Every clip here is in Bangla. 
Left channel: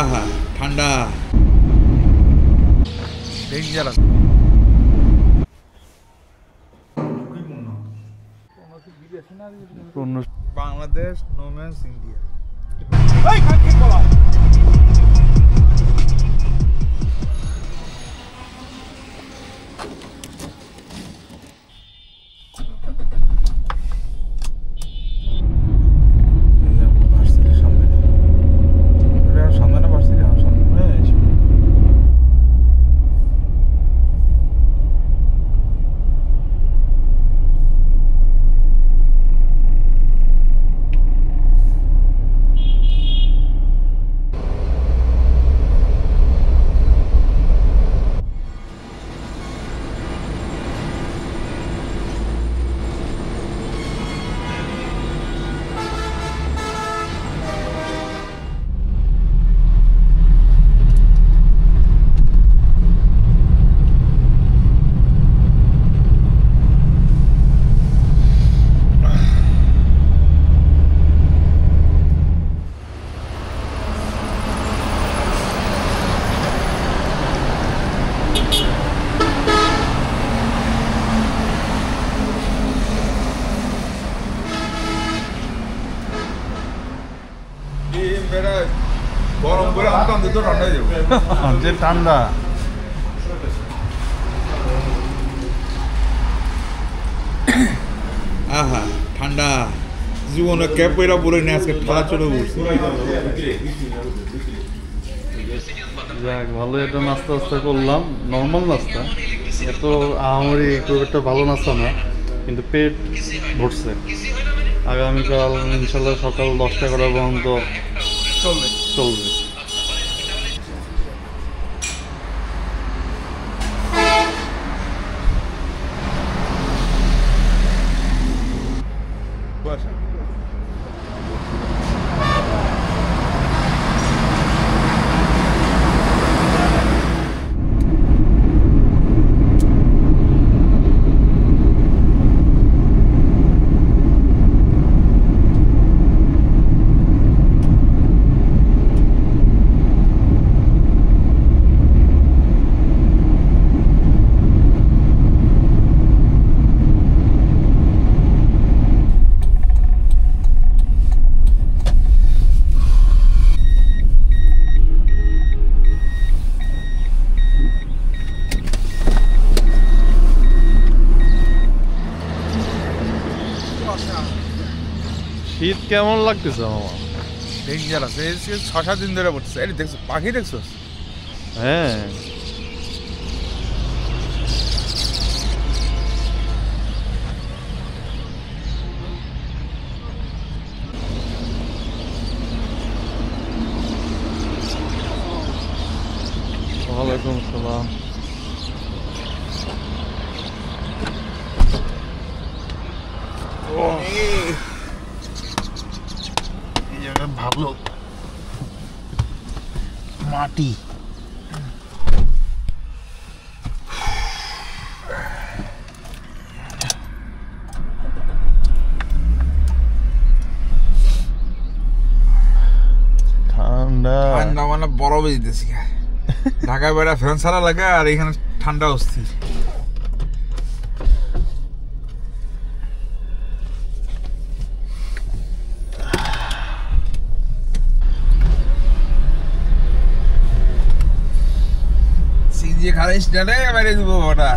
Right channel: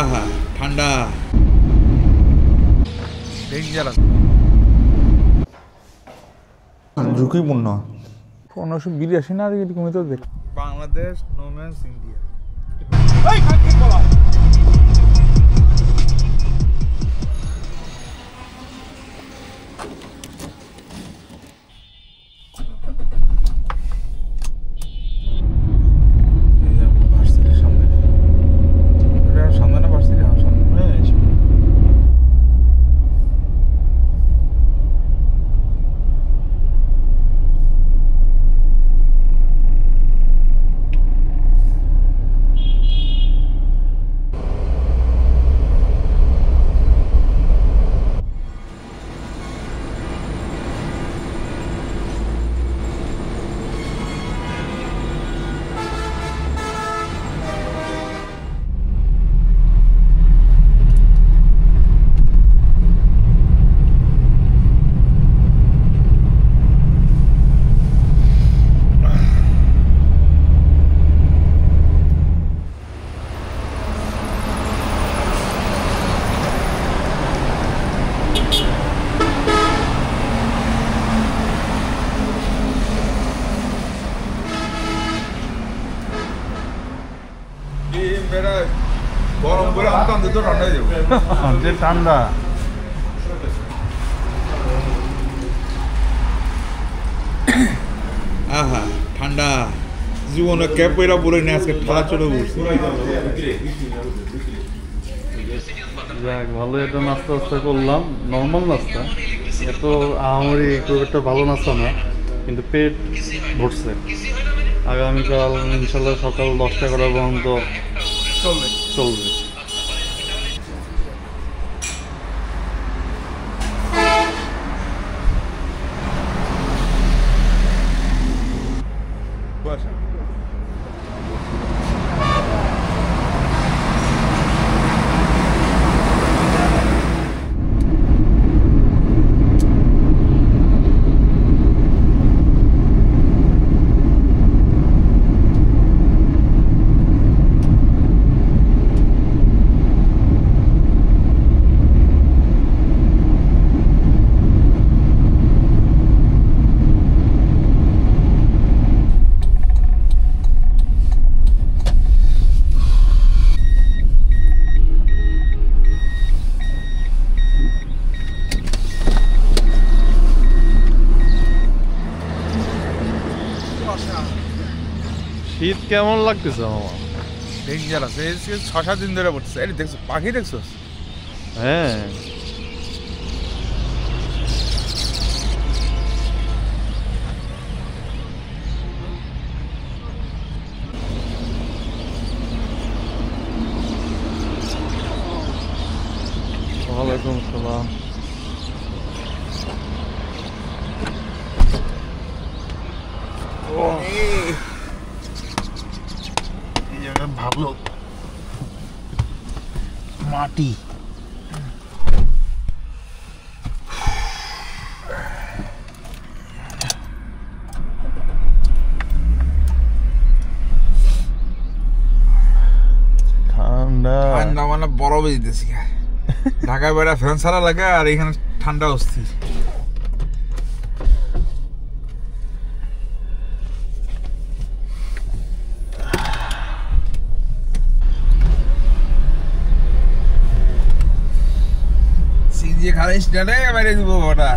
আহা ঠান্ডা ডেঞ্জারাস ঝুঁকিপূর্ণ 1582 না এরকম তো বাংলাদেশ নোম্যান্স ইন্ডিয়া এই কাকে বলা গরম করে অন্তত ঠান্ডা হয়ে যাবে যে ঠান্ডা আহা ঠান্ডা জীবনে ক্যাপ পয়রা বলে নিয়ে আজকে ঠান্ডা চলে বসছে যাক ভালো একটা নাস্তা করলাম নর্মাল নাস্তা এত আহামরি খুব একটা ভালো নাস্তা না কিন্তু পেট ভরছে আগামীকাল ইনশাল্লাহ সকাল 10টা পর্যন্ত চলবে শীত কেমন লাগতেছে মামা ডেঞ্জারাস এই 6-7 দিন ধরে পড়ছে এই দেখছো পাখি দেখছো হ্যাঁ ওয়ালাইকুম আসসালাম ভাবলো মাটি ঠান্ডা ঠান্ডা মানে বরফে দিতেছি ঢাকায় বেড়া ফ্যান ছাড়া লাগে আর এখানে ঠান্ডা অস্থির যে খালি স্ট্যান্ডে মেরে দিব ওটা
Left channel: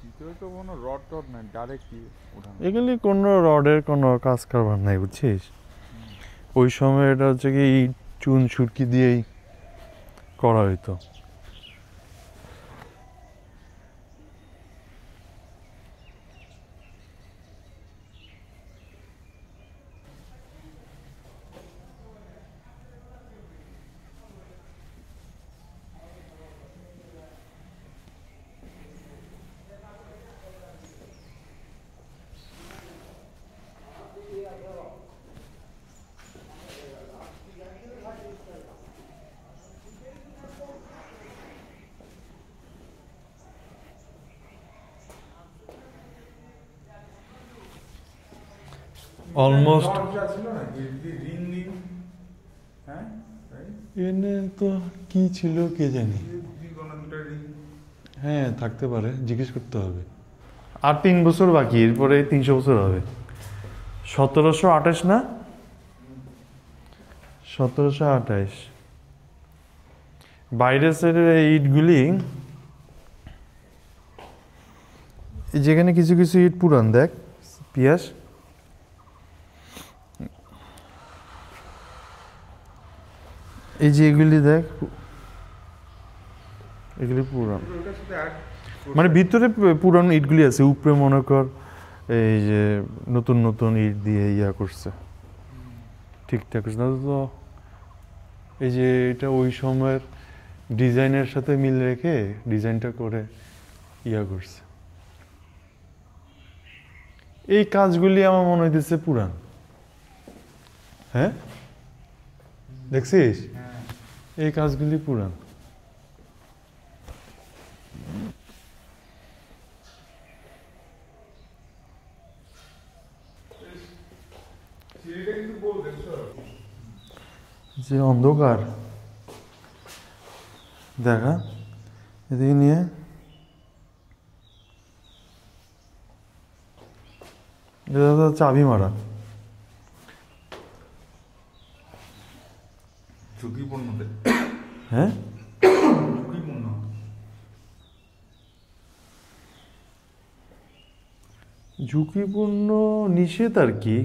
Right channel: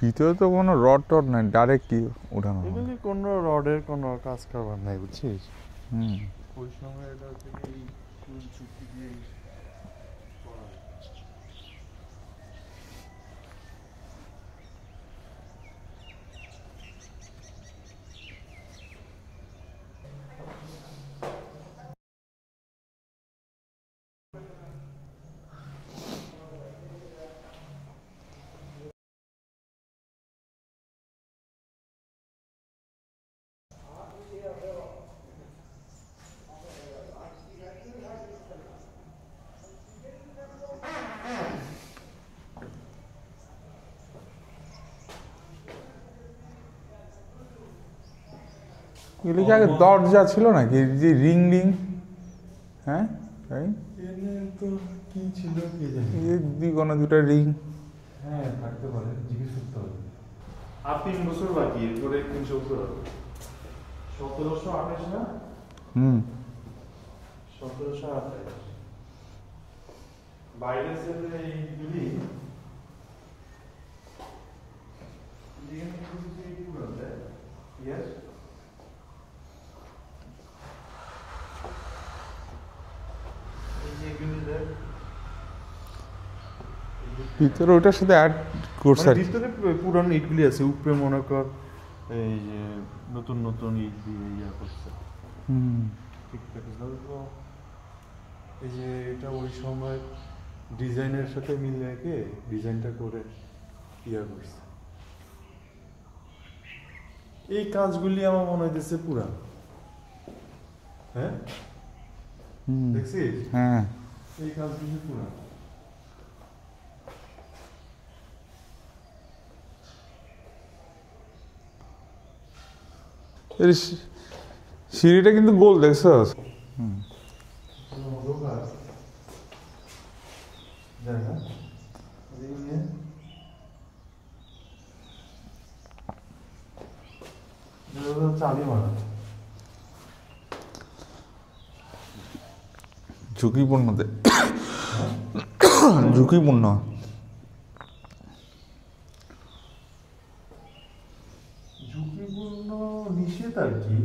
ভিতরে তো কোনো রড টড নাই, ডাইরেক্ট কি ওঠানো? এগুলি কোনো রডের কোনো কাজ কারবার নাই, বুঝছিস? ওই সময় এটা হচ্ছে কি চুন সুরকি দিয়েই করা হইতো। Almost- দরজা ছিল নাকি যে রিং রিং? হ্যাঁ এনে তো কি ছিল কে জানি। কোনো দুটা রিং হ্যাঁ থাকতে পারে, জিজ্ঞেস করতে হবে। আর 3 বছর বাকি, এরপরে 300 বছর হবে। 1728 না? 1728। বাইরের সাইডের এই ইটগুলি, যেখানে কিছু কিছু ইট পুরান, দেখ পিয়াস, এই যে এগুলি দেখ, এগুলি ভিতরে ওটার সাথে অ্যাড করছে, মানে ভিতরে পুরান ইটগুলি আছে, উপরে মনে কর এই যে নতুন নতুন ইট দিয়ে ইয়া করছে, ঠিকঠাক করছে না তো। এই যে এটা ওই সময়ের ডিজাইনের সাথে মিল রেখে ডিজাইনটা করে ইয়া করছে। এই কাজগুলি আমার মনে হইতেছে পুরান। হ্যাঁ দেখছিস? হ্যাঁ এই কাজগুলি পুরান। সিঁড়িটা কিন্তু গোল, দেখছস? যে অন্ধকার দেখা, এদিকে নিয়ে চাবি মারা, ঝুঁকিপূর্ণ। হ্যাঁ ঝুঁকিপূর্ণ। ঝুঁকিপূর্ণ নিষেধ আর কি।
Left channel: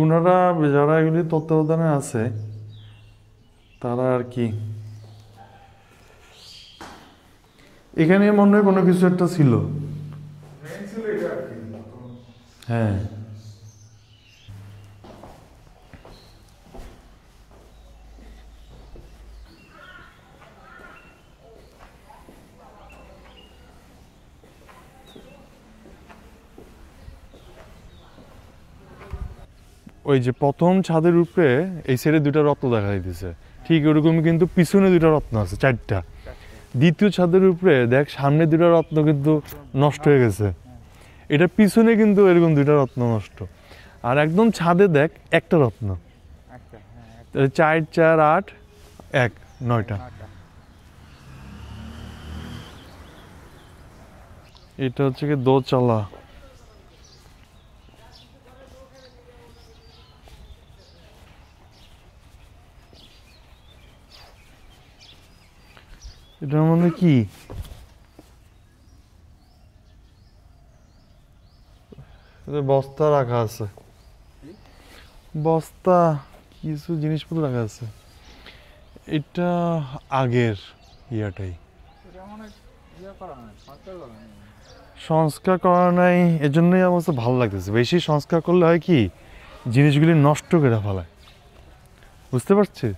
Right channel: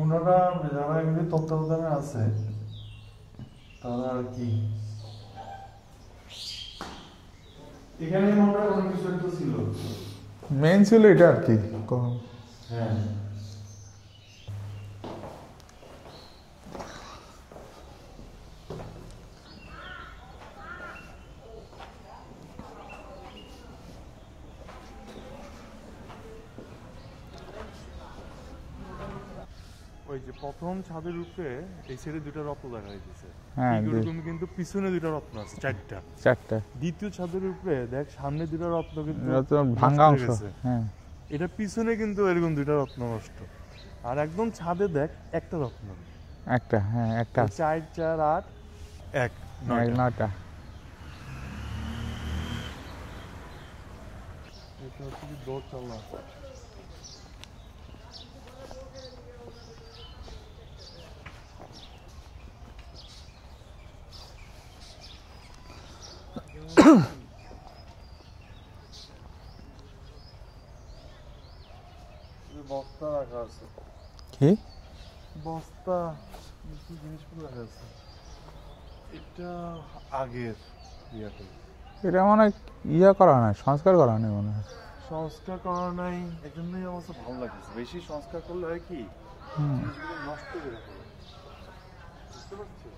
ওনারা যারা এগুলি তত্ত্বাবধানে আছে তারা আর কি, এখানে মনে হয় কোনো কিছু একটা ছিল। মেন ছিল এটা আর কি। হ্যাঁ ওই যে প্রথম ছাদের উপরে এই সাইডে 2টা রত্ন দেখা যাইতেছে, ঠিক ওরকম কিন্তু পিছনে 2টা রত্ন আছে, 4টা। দ্বিতীয় ছাদের উপরে দেখ, সামনে 2টা রত্ন কিন্তু নষ্ট হয়ে গেছে, এটা পিছনে কিন্তু এরকম 2টা রত্ন নষ্ট। আর একদম ছাদে দেখ একটা রত্ন, একটা, হ্যাঁ একটা, 4 4 8 1 9টা। এটা হচ্ছে কি দোতলা। এটার মধ্যে কি বস্তা রাখা আছে, কি বস্তা কিছু জিনিসপত্র রাখা আছে। এটা আগের ইয়াটাই, এটা মনে হয় ইয়া করা নাই, সংস্কার করা নাই মনে হয়। সংস্কার করা নাই, এজন্যই আমার কাছে ভালো লাগতেছে। বেশি সংস্কার করলে হয় কি, জিনিসগুলি নষ্ট করে ফেলায়, বুঝতে পারছিস?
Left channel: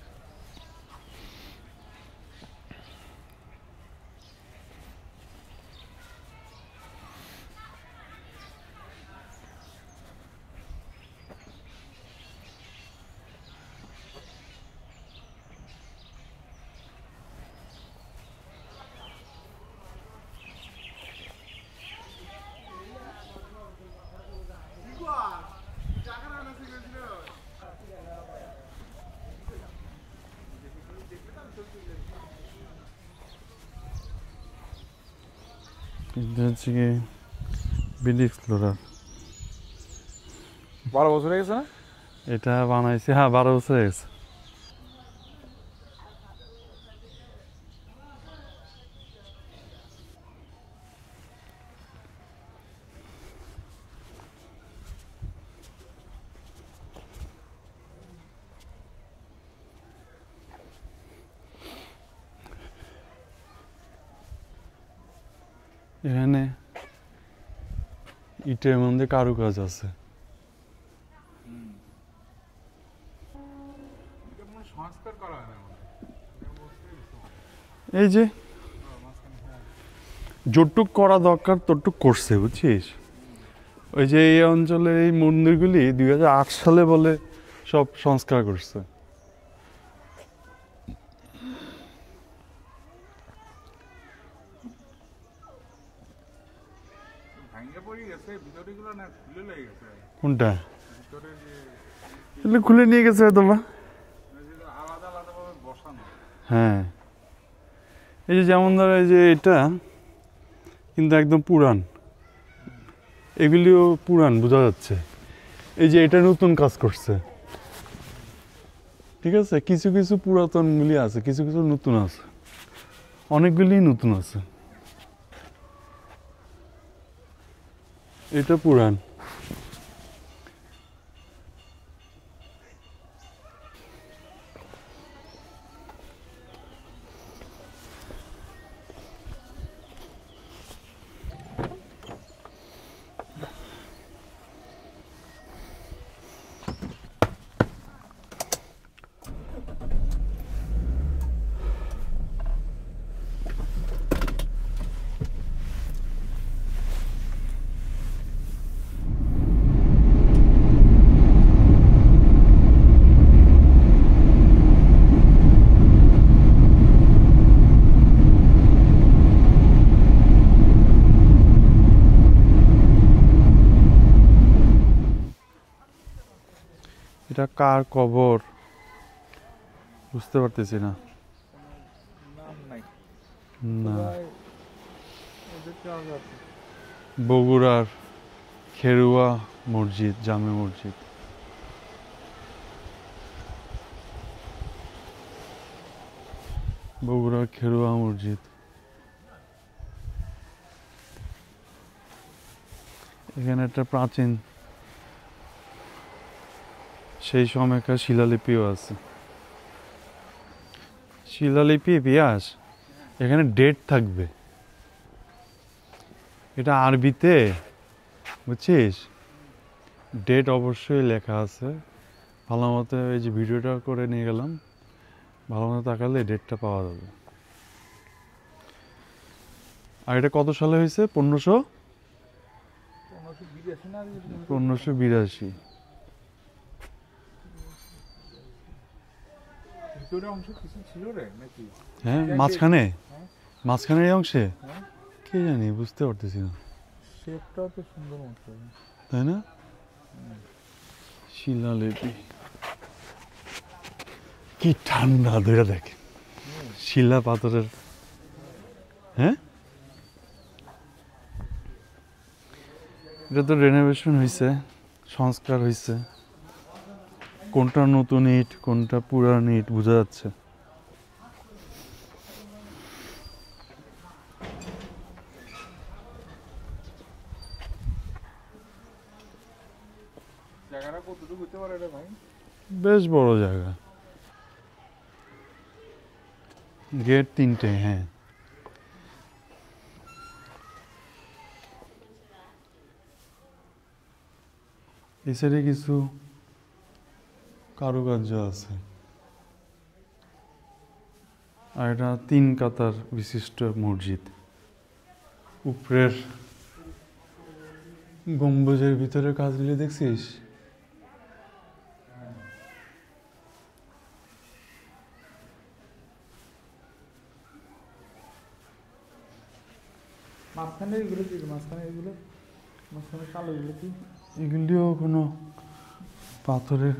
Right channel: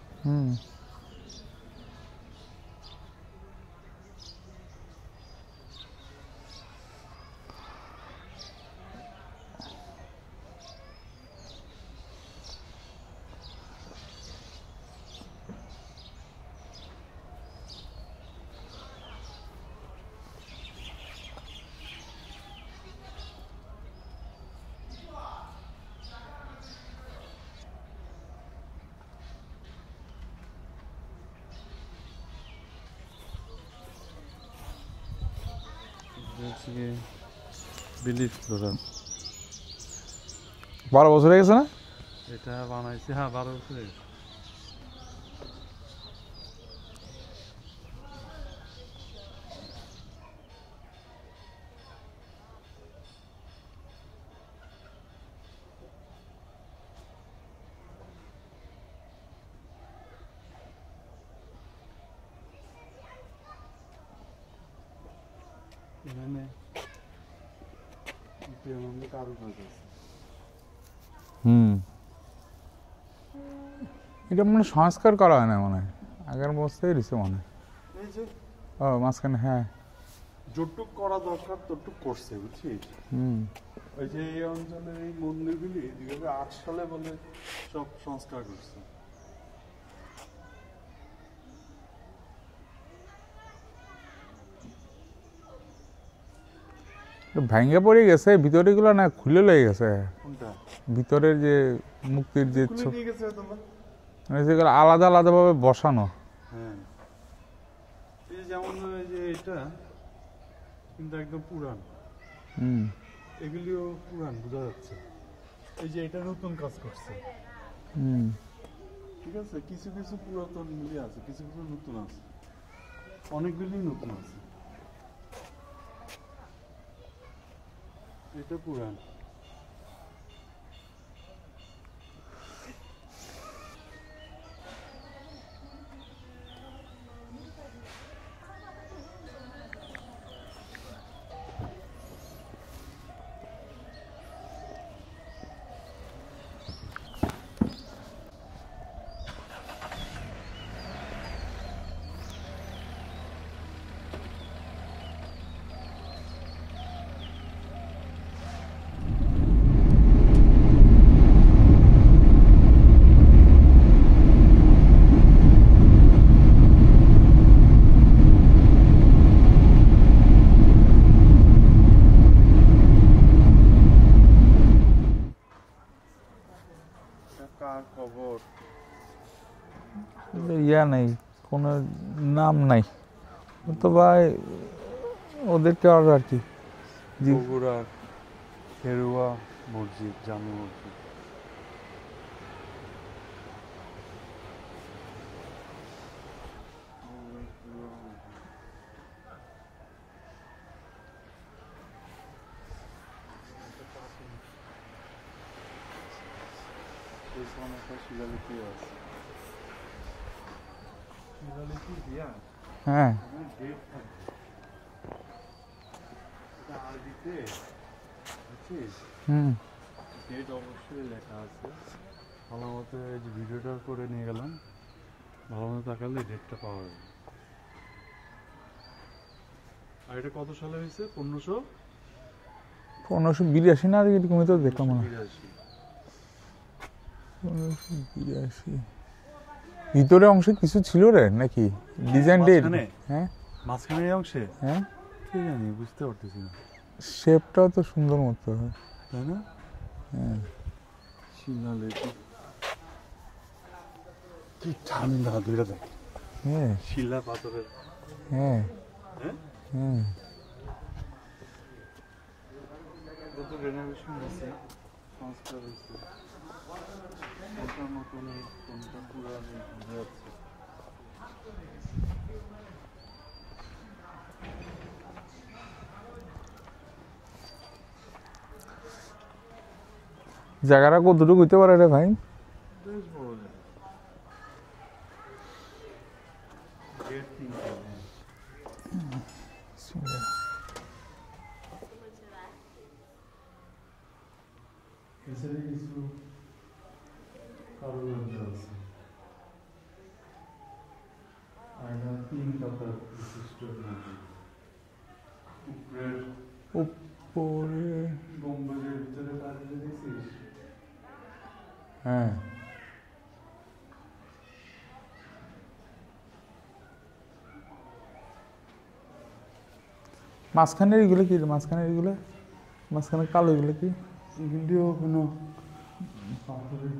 বিলিফ ফ্লোরা 12 বছর হয়ে গেছে না? এটা বানাইছে, হ্যাঁ 12 বছর হয়ে গেছে। এখানে ইটের মধ্যে কারুকাজ আছে। এটা মনে হয় সংস্কার করা হয় না মনে হয়, আগের অবস্থায় রয়েছে মনে হয়। এই যে ও মাঝখানে, হ্যাঁ। যতটুক করা দরকার ততটুক করছে, বুঝছিস? ওই যে এই অঞ্চলের এই মন্দিরগুলি 2008 সালে বলে সব সংস্কার করছে। ভাঙ্গা পড়ে গেছে, ভিতরে গুলো না খুলে লেগে গেছে। কোনটা? ভিতরের যে মুক্তির খুলে নিয়ে গেছে তোমরা, মানে যেগুলো আলাদা আলাদা ভাবে বসানো। হ্যাঁ, এই যে যেমন ধরো এই যে এটা কিন্তু একদম পুরান, এগুলিও পুরান বোঝা যাচ্ছে। এই যে এটা নতুন কাজ করছে, ঠিক আছে? কিছু কিছু পুরাতনগুলি আছে, কিছু কিছু নতুন আছে, অনেকগুলি নতুন আছে। এটা পুরান। এটা কার কবর বুঝতে পারতেছি না। নাই, কোনো নাম নাই, অথবা ওদেরকে আর কি। বগুড়ার খেরুয়া মসজিদ, জামে মসজিদ। বগুড়ার খেরুয়া মসজিদ। এখানে একটা প্রাচীন সেই সময়কার শিলালিপিও আছে। শিলালিপি পিয়াস, হ্যাঁ, এখানে ডেট থাকবে, এটা আরবিতে, বুঝছিস? ডেট অবশ্যই লেখা আছে। ভালো মতো এই যে ভিডিওটা করে নিয়ে গেলাম, ভালো মতো তাকালে ডেটটা পাওয়া যাবে। আর এটা কত সালে হয়েছে? 1582 না, এরকম তো 1582। ভিতরে অংশে কিছু ছিল রে নাকি? মাঝখানে? হ্যাঁ, মাঝখানের এই অংশে হ্যাঁ, কি জানি, বুঝতে পারতেছি না। শেপটাও তো সুন্দর মতো, তাই না? হ্যাঁ। শিলালিপি কি ঠান্ডা, ধরে দেখ। হ্যাঁ, শিলা পাথরের। হ্যাঁ, হ্যাঁ, এটা তো রেনোভেশন হয়েছে, সংস্কার হয়েছে। কোনটা নতুন ইট কোনটা পুরান ইট বোঝা যাচ্ছে। জায়গাটা কতটুকু হইতে পারে রে ভাই? বেশ বড় জায়গা, গেট 3টে। হ্যাঁ, এই সাইডে কিছু কারুকার্য আছে। আর এটা 3 কাতার বিশিষ্ট মসজিদ। উপরের গম্বুজের ভিতরে কাজগুলি দেখছিস? হ্যাঁ, মাঝখানে এগুলো কি? মাঝখানে কালো এগুলো কি? এগুলিও কোনো পাথরের,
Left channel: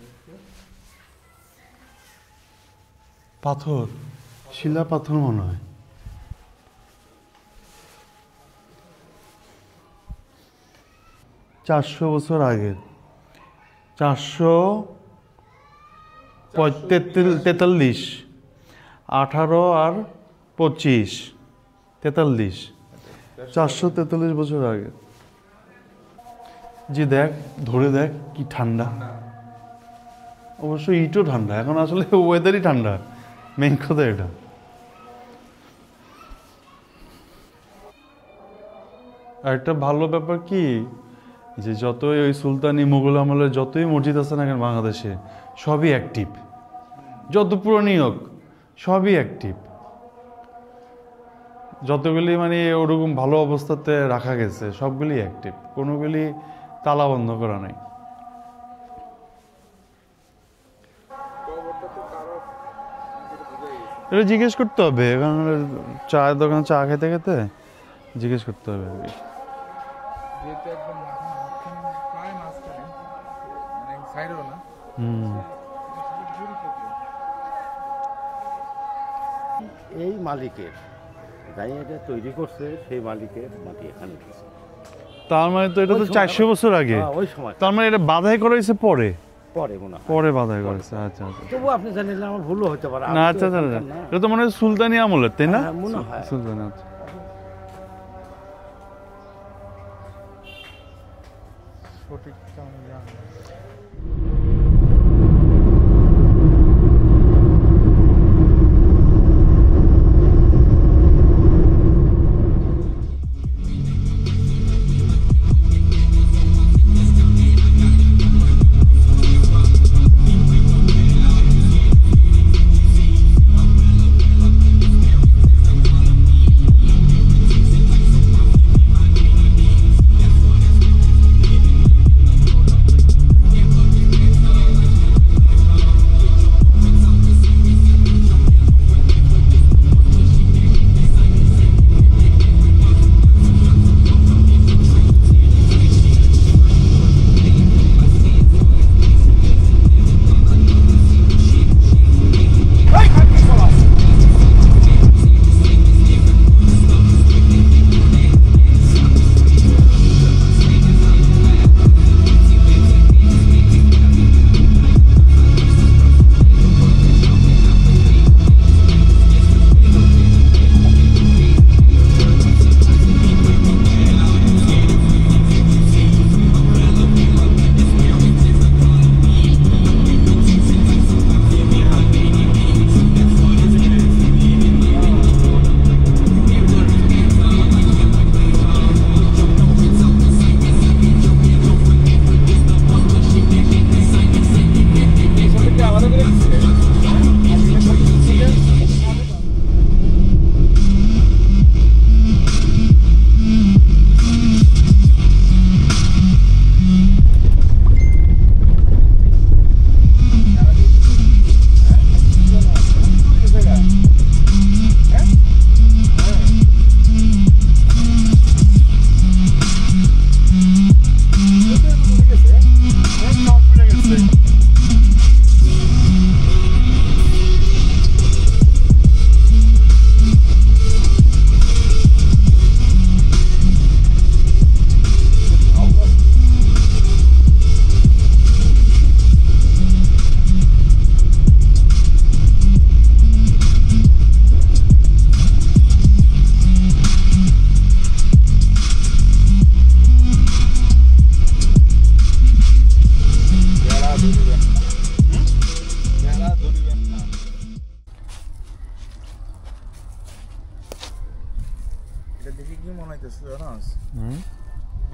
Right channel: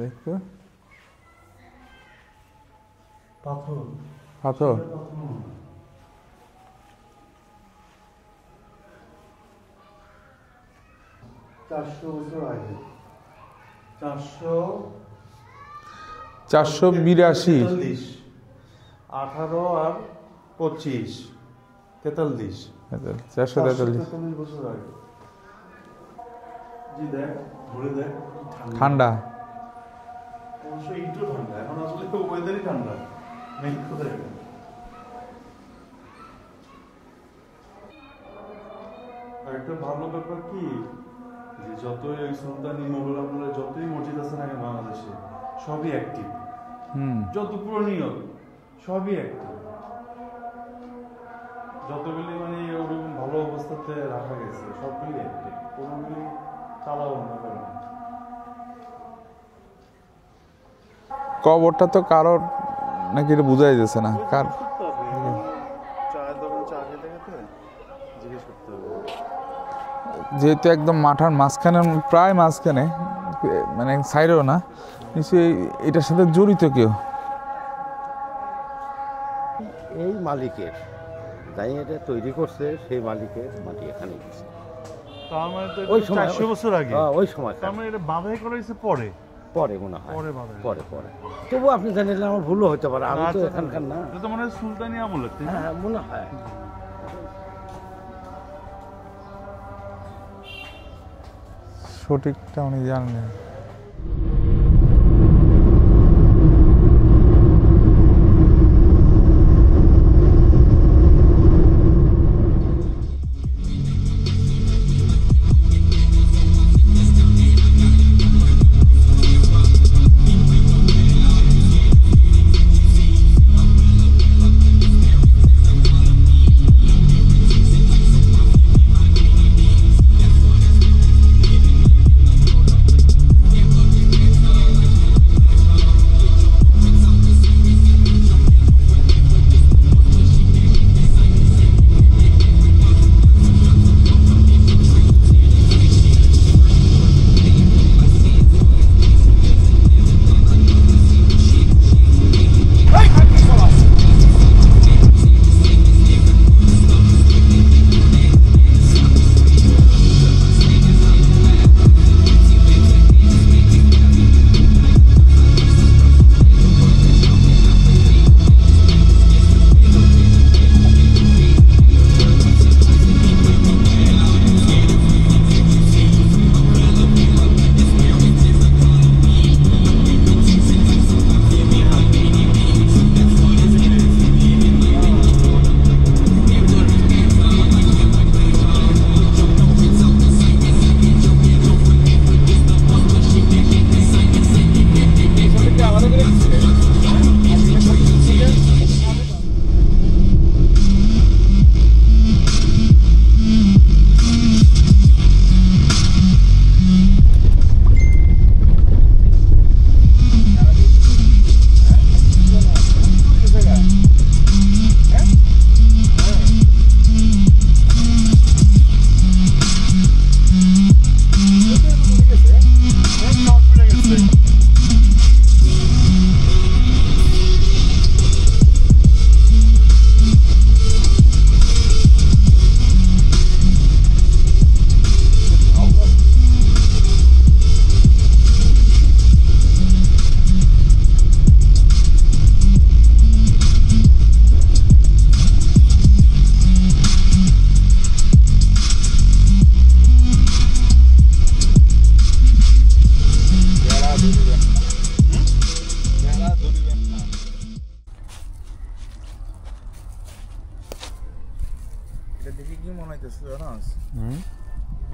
দেখো, পাথর, পাথর। শিলা পাথর মনে হয়। চারশো বছর আগে, 443, 18 আর 25, 43, 443 বছর আগে। জি দেখ, ধরে দেখ কি ঠান্ডা। ঠান্ডা, অবশ্য ইটও ঠান্ডা, এখন আসলে ওয়েদারই ঠান্ডা, মেইন কথা এটা। আর একটা ভালো ব্যাপার কি যে যতই ওই সুলতানি মুঘল আমলের যতই মসজিদ আছে না কেন বাংলাদেশে সবই অ্যাক্টিভ। যত পুরনো হোক সবই অ্যাক্টিভ, যতগুলি মানে ওরকম ভালো অবস্থাতে রাখা গেছে সবগুলি অ্যাক্টিভ, কোনোগুলি তালা বন্ধ করা নাই। কবরটা তো কারোর নাকি এটা বোঝাই যাচ্ছে না, জিজ্ঞেস করতে হবে। এখন চায়ের দোকান চা খেতে খেতে জিজ্ঞেস করতে হবে। যেহেতু একদম মাঠার মাঝখানে, প্রায় মাঝখানে, মানে সাইডেও না, নিশ্চয়ই এটার সাথে জড়িত কেউ। এই মালিকের যাই এটা তৈরি করছে সেই মালিকের মাটি এখানে গেছে। তার মানে তো এটা তো 400 বছর আগে। ওই সময় তার মানে এটা বাধাই করা হয়েছে পরে পরে মনে হয় পরে বাধাই করেছে। আচ্ছা তবু আপনি জানেন আমার ভুলও হতে পারে। না আচ্ছা না, এটা তো মনে হয় সুলতানি আমলের, তাই না? মনে হয় সুলতানি। সঠিকটা উনি জানেন।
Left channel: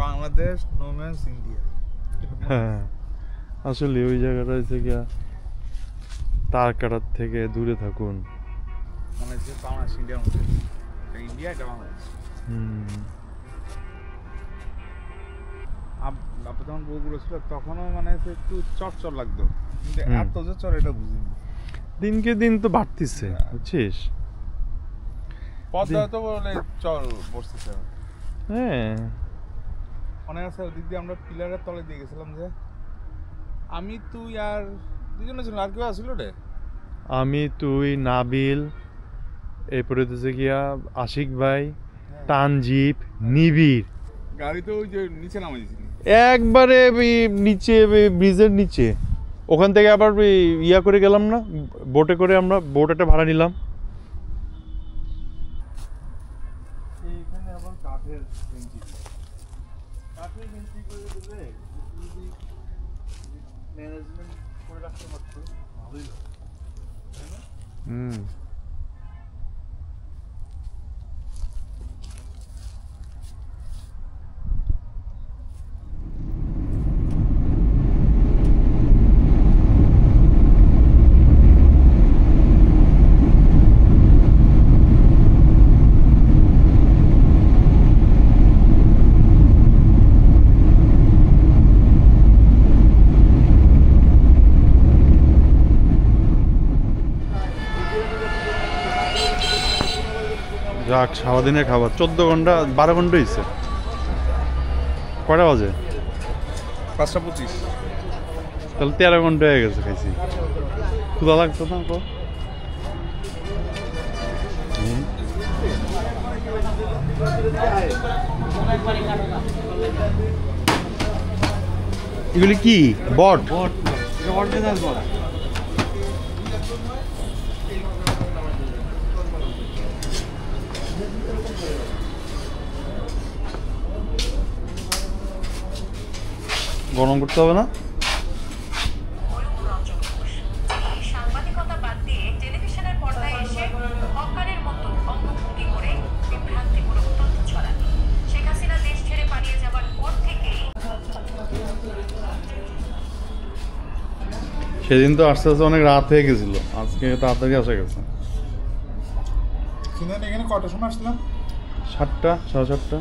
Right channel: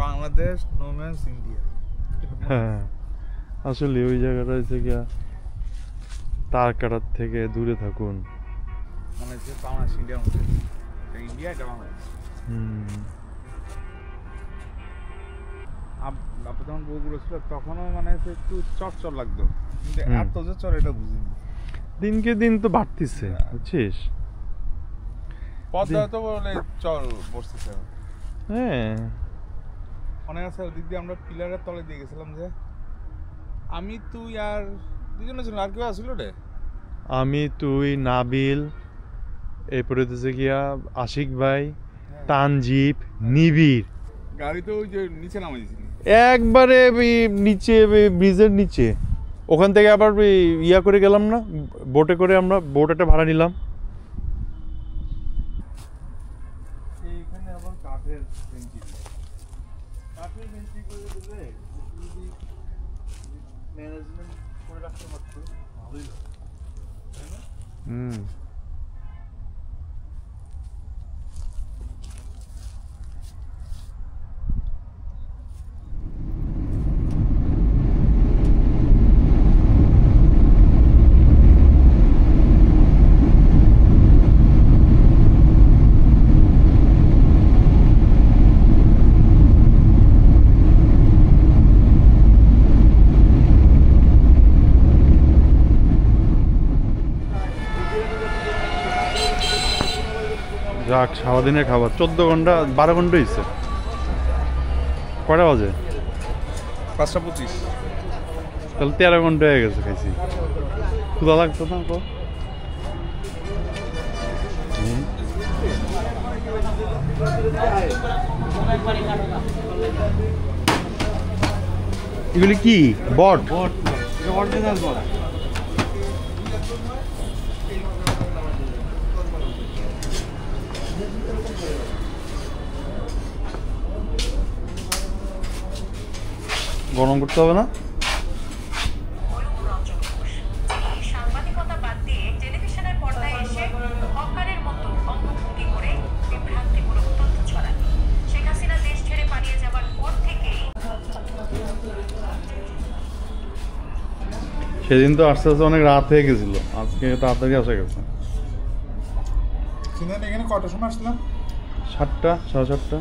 Bangladesh no man's India. হ্যাঁ আসলে ওই জায়গাটা হচ্ছে গিয়া তার কাটার থেকে দূরে থাকুন। মনে হচ্ছে বাংলাদেশ ইন্ডিয়ার মধ্যে, ইন্ডিয়া এটা বাংলাদেশ। আপনি যখন বউগুলো ছিল তখনও মানে একটু চরচর লাগতো, কিন্তু এত যে চর এটা বুঝিনি। দিনকে দিন তো বাড়তিছে বুঝছিস, পদ্মা তো বলে চর বসতেছে। হ্যাঁ অনেক আছে ওদিক দিয়ে আমরা পিলারের তলে দিয়ে গেছিলাম, যে আমি তুই আর দুজনে ছিল, আর কেউ আসছিল রে? আমি তুই নাবিল, এরপরে হচ্ছে গিয়া আশিক ভাই, তানজিব, নিবিড়। গাড়ি তো ওই যে নিচে নামাই দিয়েছিলি একবারে নিচে ব্রিজের নিচে, ওখান থেকে আবার ইয়া করে গেলাম না, বোটে করে আমরা বোট একটা ভাড়া নিলাম। এইখানে আবার কাঠের বেঞ্চি, কাঠের বেঞ্চি করে দিলে যদি ম্যানেজমেন্ট করে রাখতে পারতো ভালোই হতো, তাই না? যাক সারাদিনের খাবার 14 ঘন্টা 12 ঘন্টা হয়েছে। কয়টা বাজে? 5:25। তাহলে 13 ঘন্টা হয়ে গেছে খাইছি। ক্ষুধা লাগতো না তো? এগুলি কি বট? গরম করতে হবে না? সাংবাদিকতা বাদ দিয়ে টেলিভিশনের পর্দায় এসে হকারের মতো অঙ্গভঙ্গি করে বিভ্রান্তিমূলক তথ্য ছড়ান। শেখ হাসিনা দেশ ছেড়ে পালিয়ে যাওয়ার পর থেকেই সেদিন তো আস্তে আস্তে অনেক রাত হয়ে গেছিল, আজকে তাড়াতাড়ি আসা গেছে। এখানে কটার সময় আসলাম? 7টা 7:30